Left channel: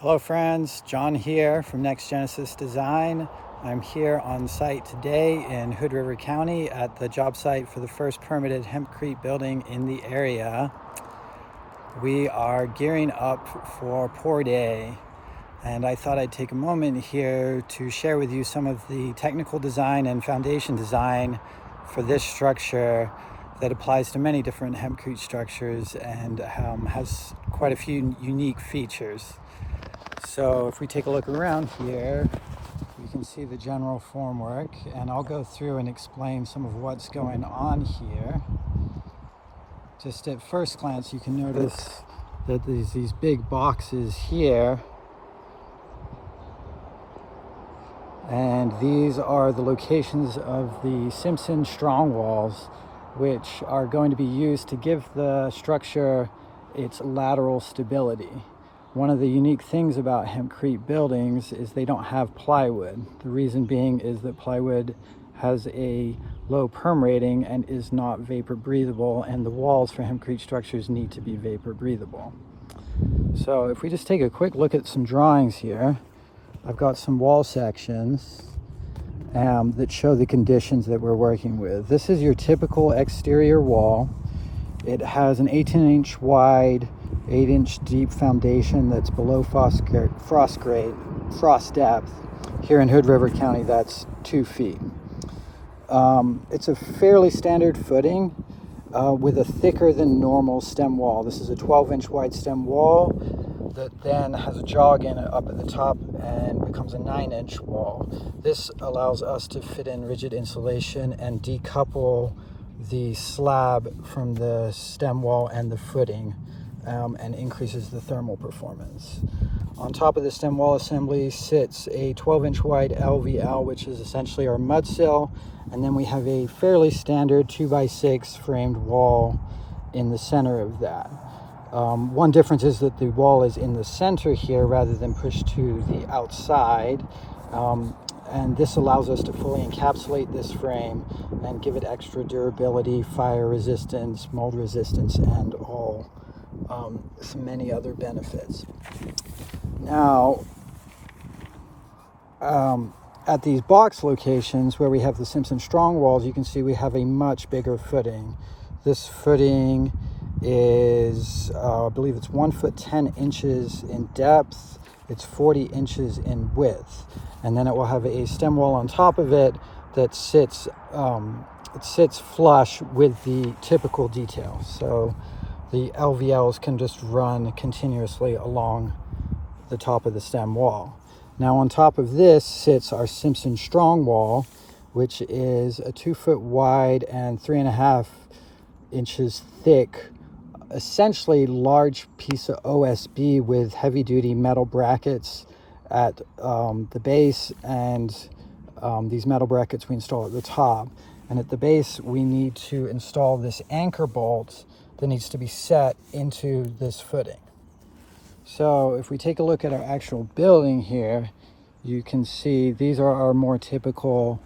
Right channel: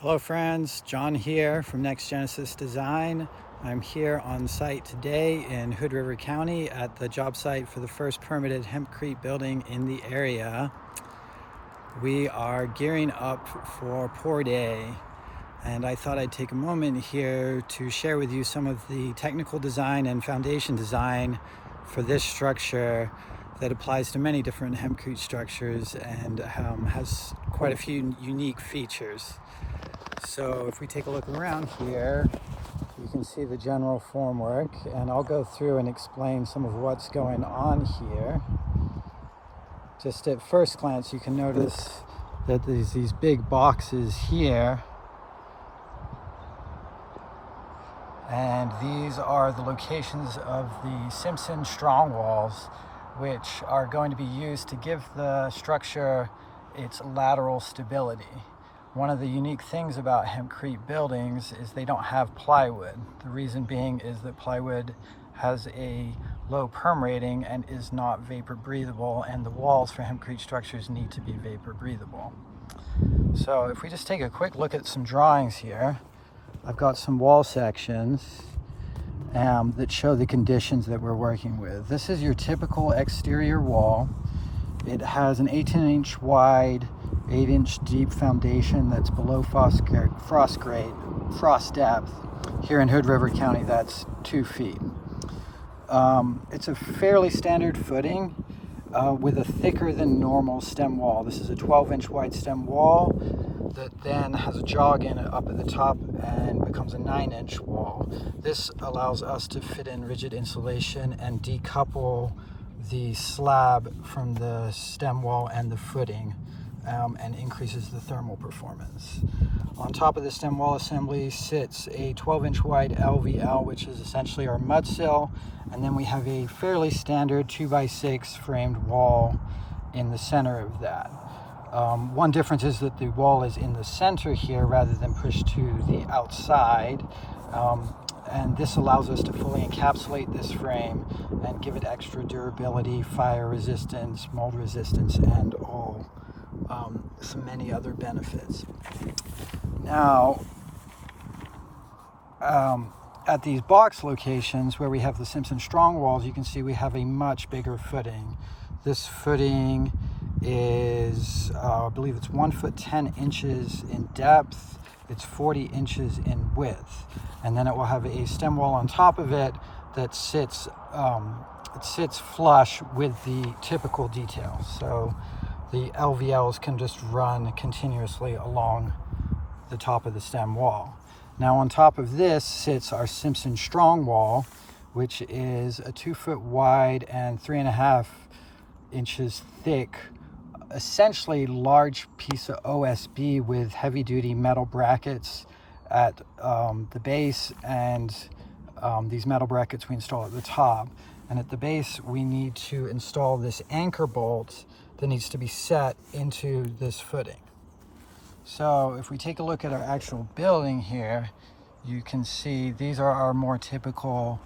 Hello friends, John here from Next Genesis Design. I'm here on site today in Hood River County at the job site for the first permitted Hempcrete building in the area. We are gearing up for pour day, and I thought I'd take a moment here to share with you some of the technical design and foundation design for this structure that applies to many different hempcrete structures and has quite a few unique features. So if we take a look around here, you can see the general formwork, and I'll go through and explain some of what's going on here. Just at first glance, you can notice that there's these big boxes here, and these are the locations of the Simpson strong walls, which are going to be used to give the structure its lateral stability. One of the unique things about hempcrete buildings is they don't have plywood. The reason being is that plywood has a low perm rating and is not vapor breathable, and the walls for hempcrete structures need to be vapor breathable. So if we just take a quick look at some drawings here, I've got some wall sections that show the conditions that we're working with. This is your typical exterior wall. It has an 18-inch wide, 8-inch deep foundation that's below frost depth. Here in Hood River County, that's 2 feet. It's a fairly standard footing with a thicker than normal stem wall. This is a 12-inch wide stem wall that then has a jog in it up at the top and becomes a 9-inch wall. This allows us to fit in rigid insulation and decouple the slab from the stem wall and the footing, and increases the thermal performance. On top of the stem wall assembly sits a 12-inch wide LVL, which is essentially our mud sill, and then we have a fairly standard 2x6 framed wall in the center of that. One difference is that the wall is in the center here rather than pushed to the outside, and this allows us to fully encapsulate this frame and give it extra durability, fire resistance, mold resistance, and so many other benefits. Now, at these box locations where we have the Simpson strong walls, you can see we have a much bigger footing. This footing is, I believe it's 1 foot 10 inches in depth. It's 40 inches in width, and then it will have a stem wall on top of it that sits flush with the typical detail. So the LVLs can just run continuously along the top of the stem wall. Now on top of this sits our Simpson strong wall, which is a 2 foot wide and 3.5 inches thick, essentially large piece of OSB with heavy duty metal brackets at the base, and these metal brackets we install at the top. And at the base we need to install this anchor bolt that needs to be set into this footing. So if we take a look at our actual building here, you can see these are our more typical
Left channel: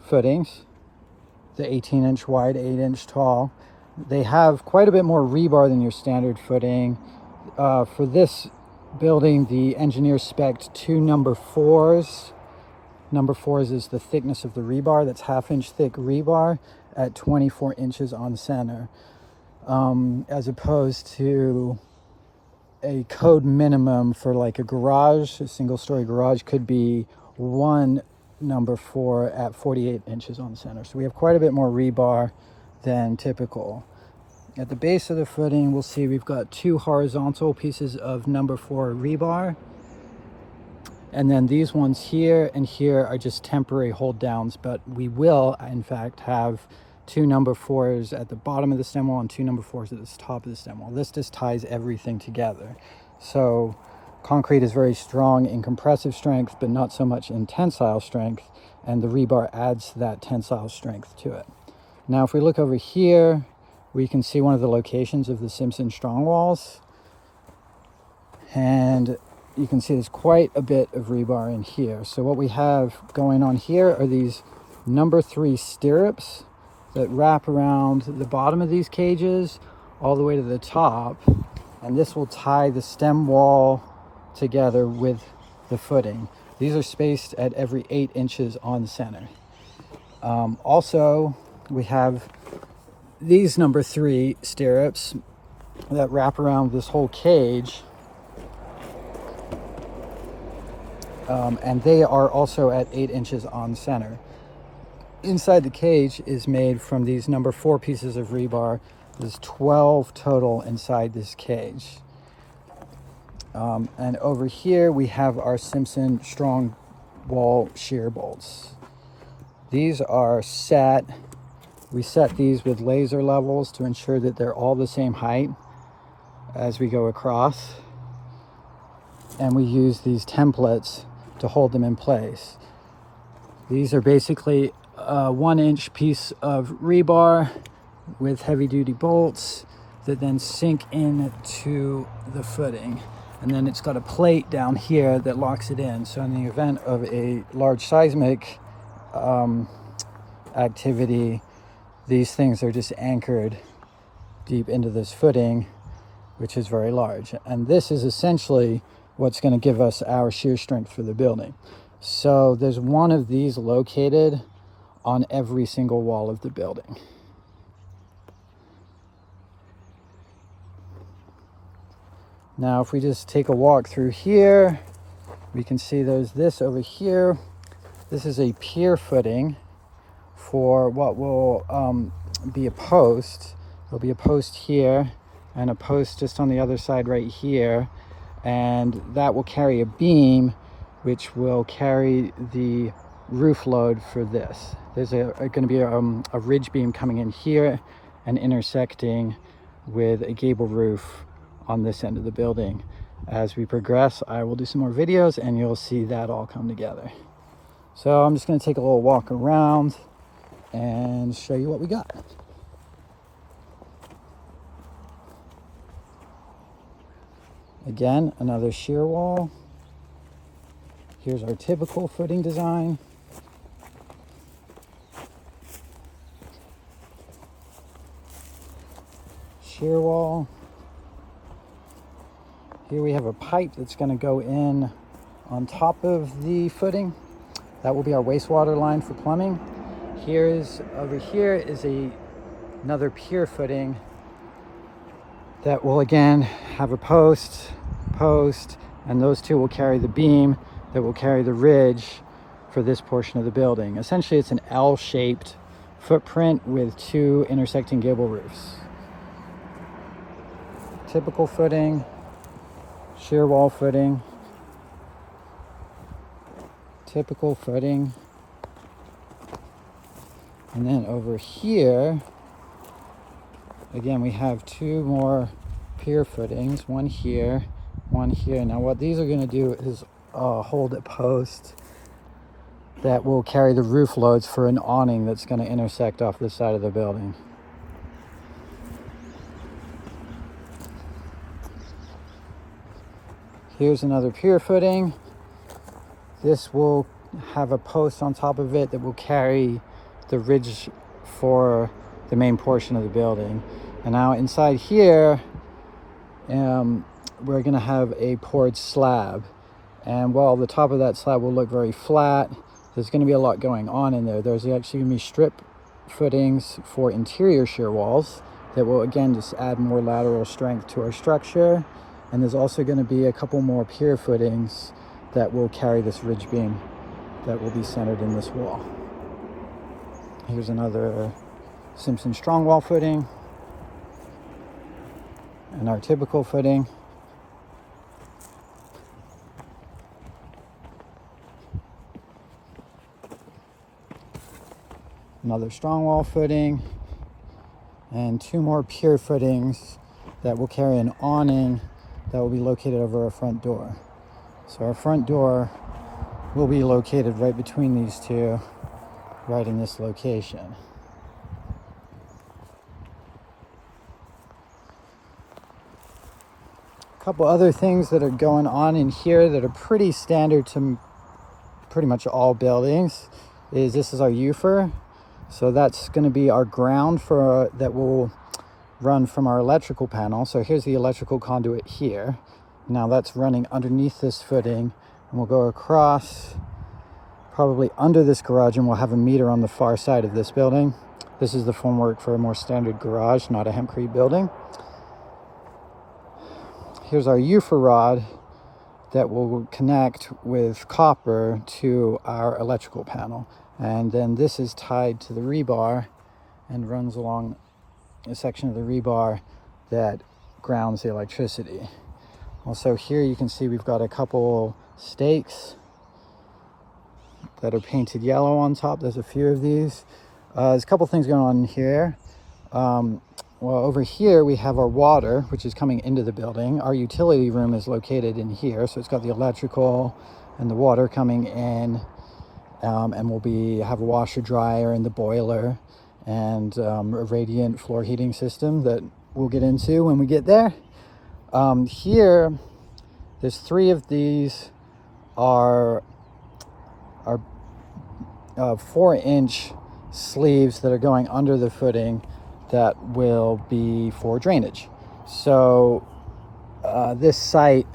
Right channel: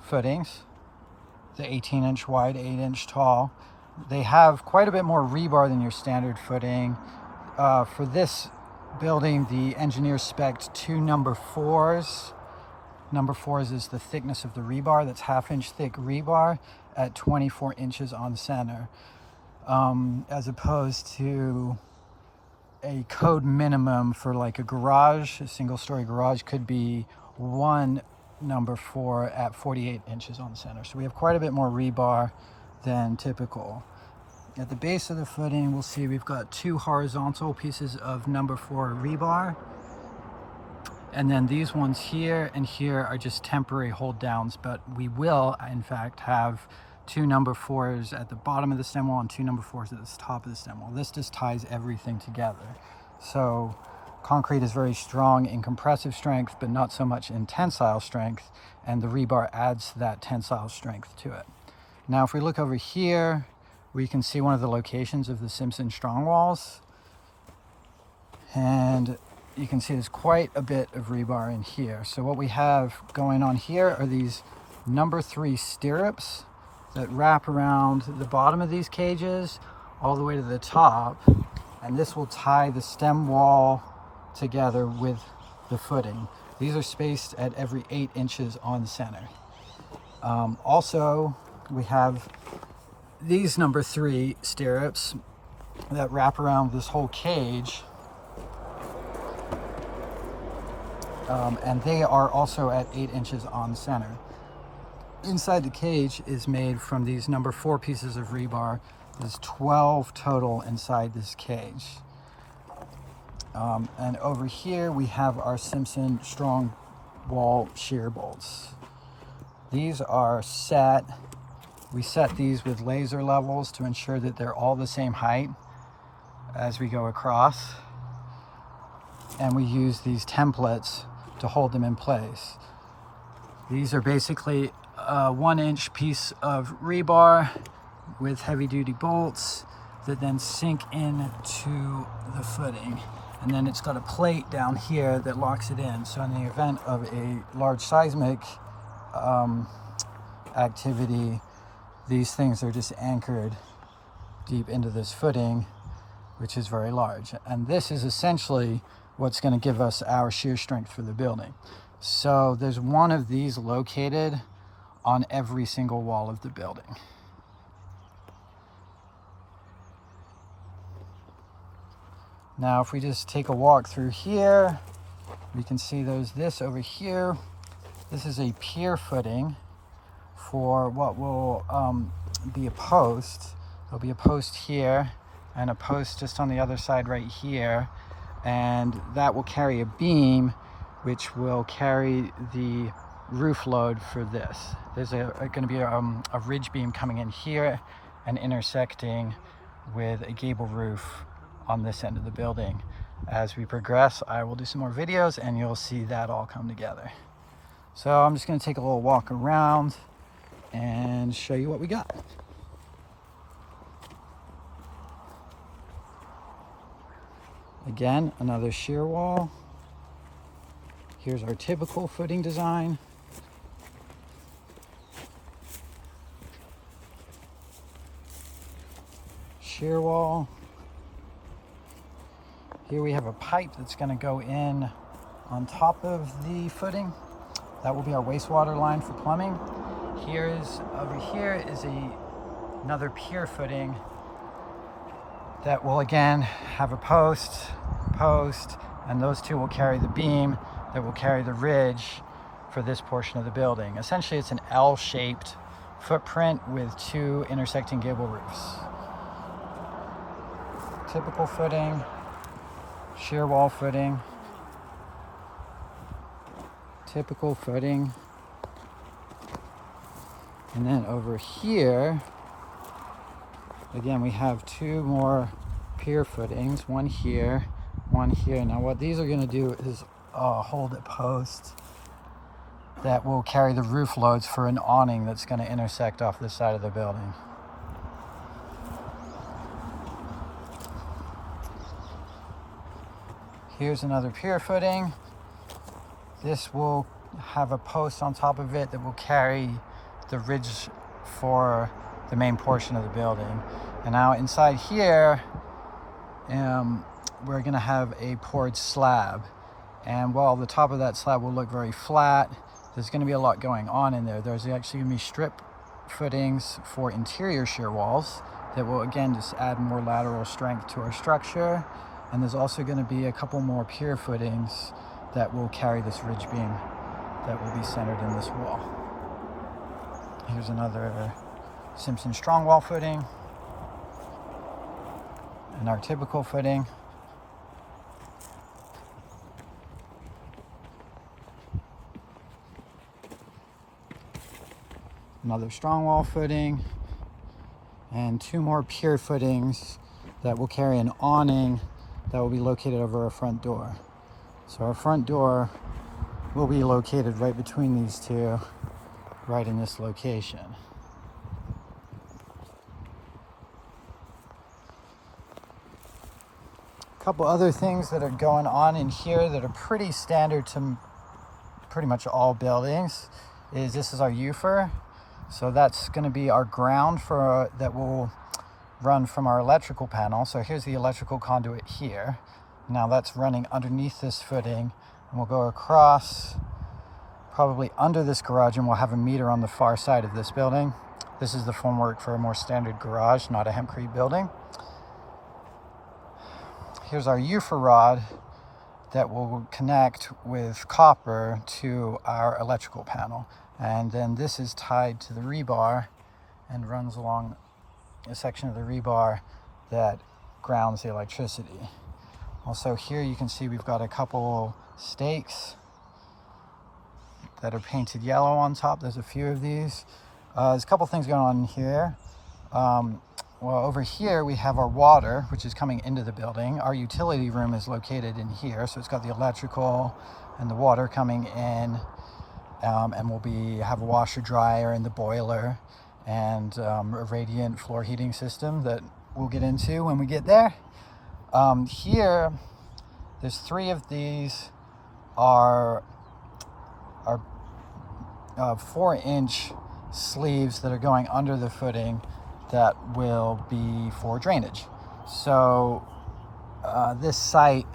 footings. The 18-inch wide, 8-inch tall. They have quite a bit more rebar than your standard footing. For this building, the engineer spec'd 2 number 4s. Number 4s is the thickness of the rebar. That's 1/2-inch thick rebar at 24 inches on center, as opposed to a code minimum for like a garage. A single-story garage could be 1 number 4 at 48 inches on the center. So we have quite a bit more rebar than typical. At the base of the footing, we'll see we've got 2 horizontal pieces of number 4 rebar, and then these ones here and here are just temporary hold downs, but we will in fact have 2 number 4s at the bottom of the stem wall and 2 number 4s at the top of the stem wall. This just ties everything together. So concrete is very strong in compressive strength, but not so much in tensile strength, and the rebar adds that tensile strength to it. Now, if we look over here, we can see one of the locations of the Simpson strong walls, and you can see there's quite a bit of rebar in here. So what we have going on here are these number 3 stirrups that wrap around the bottom of these cages all the way to the top, and this will tie the stem wall together with the footing. These are spaced at every 8 inches on center. Also, we have these number 3 stirrups that wrap around this whole cage, and they are also at 8 inches on center. Inside the cage is made from these number 4 pieces of rebar. There's 12 total inside this cage. And over here we have our Simpson strong wall shear bolts. These are set. We set these with laser levels to ensure that they're all the same height as we go across. And we use these templates to hold them in place. These are basically a 1-inch piece of rebar with heavy-duty bolts that then sink into the footing. And then it's got a plate down here that locks it in. So in the event of a large seismic activity, these things are just anchored deep into this footing, which is very large. And this is essentially what's going to give us our shear strength for the building. So there's one of these located on every single wall of the building. Now, if we just take a walk through here, we can see there's this over here. This is a pier footing for what will be a post. There'll be a post here and a post just on the other side right here. And that will carry a beam, which will carry the roof load for this. There's going to be a ridge beam coming in here and intersecting with a gable roof on this end of the building. As we progress, I will do some more videos and you'll see that all come together. So I'm just going to take a little walk around and show you what we got. Again, another shear wall. Here's our typical footing design. Shear wall. Here we have a pipe that's going to go in on top of the footing. That will be our wastewater line for plumbing. Over here is another pier footing that will again have a post, and those two will carry the beam that will carry the ridge for this portion of the building. Essentially, it's an L-shaped footprint with 2 intersecting gable roofs. Typical footing. Shear wall footing, typical footing, and then over here, again, we have 2 more pier footings, one here, one here. Now what these are going to do is hold a post that will carry the roof loads for an awning that's going to intersect off this side of the building. Here's another pier footing. This will have a post on top of it that will carry the ridge for the main portion of the building. And now inside here, we're gonna have a poured slab. And while the top of that slab will look very flat, there's gonna be a lot going on in there. There's actually gonna be strip footings for interior shear walls that will again just add more lateral strength to our structure. And there's also going to be a couple more pier footings that will carry this ridge beam that will be centered in this wall. Here's another Simpson strong wall footing and our typical footing. Another strong wall footing and 2 more pier footings that will carry an awning that will be located over our front door. So our front door will be located right between these 2, right in this location. A couple other things that are going on in here that are pretty standard to pretty much all buildings is this is our UFR. So that's going to be our ground for that will run from our electrical panel. So here's the electrical conduit here. Now that's running underneath this footing, and we'll go across probably under this garage, and we'll have a meter on the far side of this building. This is the formwork for a more standard garage, not a hempcrete building. Here's our UFA rod that will connect with copper to our electrical panel. And then this is tied to the rebar and runs along a section of the rebar that grounds the electricity. Also here you can see we've got a couple stakes that are painted yellow on top. There's a few of these. There's a couple things going on here. Well, over here we have our water, which is coming into the building. Our utility room is located in here, so it's got the electrical and the water coming in, and we'll have a washer dryer and the boiler, and a radiant floor heating system that we'll get into when we get there. Here, there's 3 of these are 4-inch sleeves that are going under the footing that will be for drainage. So this site,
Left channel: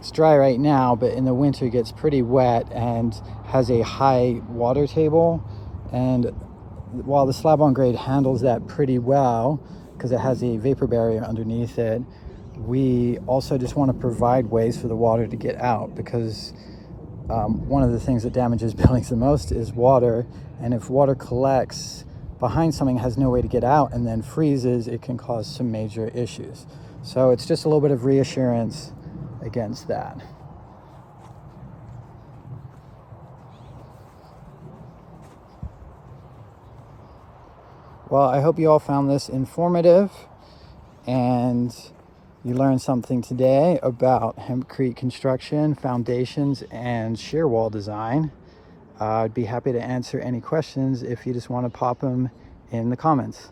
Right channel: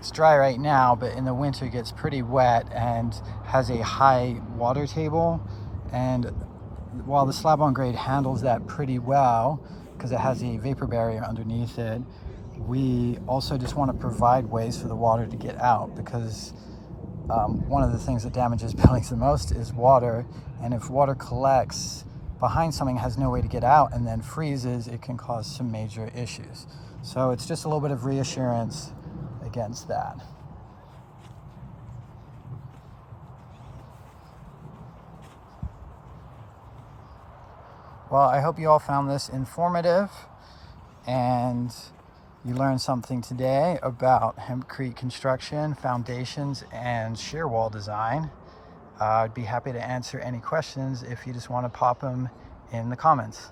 it's dry right now, but in the winter it gets pretty wet and has a high water table. And while the slab-on-grade handles that pretty well because it has a vapor barrier underneath it, we also just want to provide ways for the water to get out, because one of the things that damages buildings the most is water, and if water collects behind something, has no way to get out, and then freezes, it can cause some major issues. So it's just a little bit of reassurance against that. Well, I hope you all found this informative and you learned something today about hempcrete construction, foundations, and shear wall design. I'd be happy to answer any questions if you just want to pop them in the comments.